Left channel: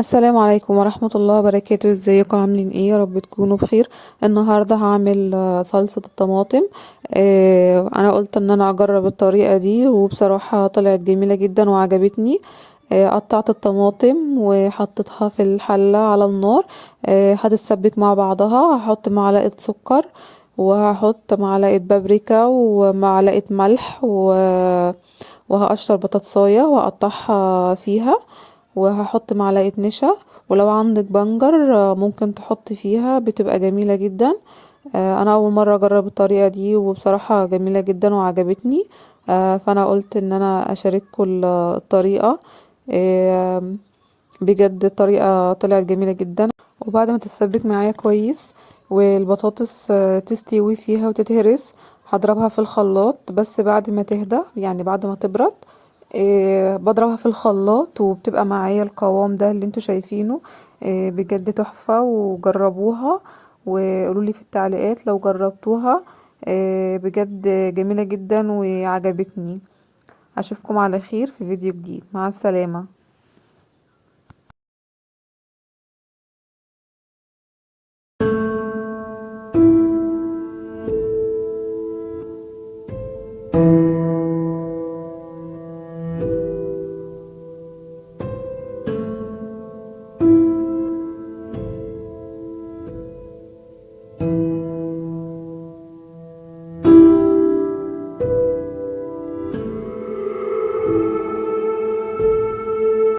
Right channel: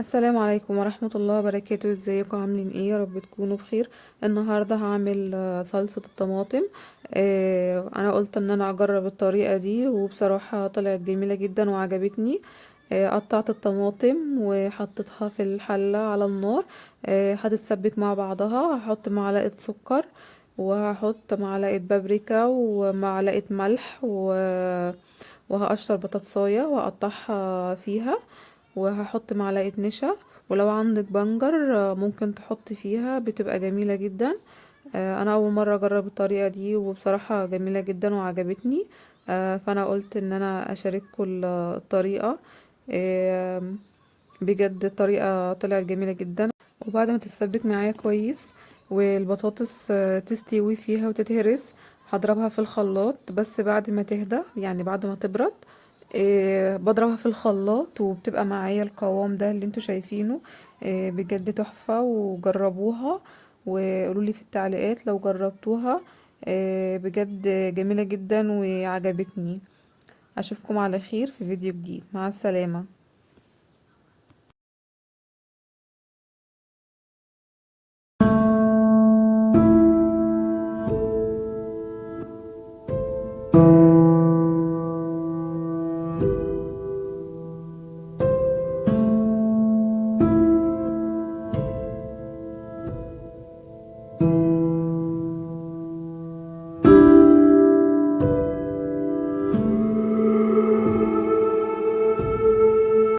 السلام عليكم ورحمة الله وبركاته. ازيكم عاملين ايه؟ يا رب تكونوا بخير. النهاردة هعمل صلصة الطماطم. انا قلت ان انا اجرب الطريقة دي وبصراحة طلعت جميلة جدا وعجبتني. قطعت الطماطم وحطيتها في الحلة على النار. هتتسبك مع بعضها. هحط معلقة سكر وهحط معلقة بابريكا ومعلقة ملح وهقشر بطاطساية واقطعها فيها، وهحط معلقة نشا. ولو عندك بنجر ممكن تحطي فيها، بتبقى جميلة جدا. انا اول مرة اجرب الطريقة دي وبصراحة جميلة جدا وعجبتني. فانا قلت ان انا اشارككم الطريقة. آه، بجد الطريقة طلعت جميلة جدا. وبعد ما تتسبك معايا كويس والبطاطس تستوي فيها وتتهرس، هضربها في الخلاط بس بعد ما تهدى، يعني بعد ما تبرد. بضربها في الخلاط وبتبقى معايا القوام ده اللي انتوا شايفينه. بجد تحفة، وجربوها وقولولي في التعليقات لو جربتوها. بجد جميلة جدا وعجبتني. اشوفكم على خير في فيديو جديد. مع السلامة.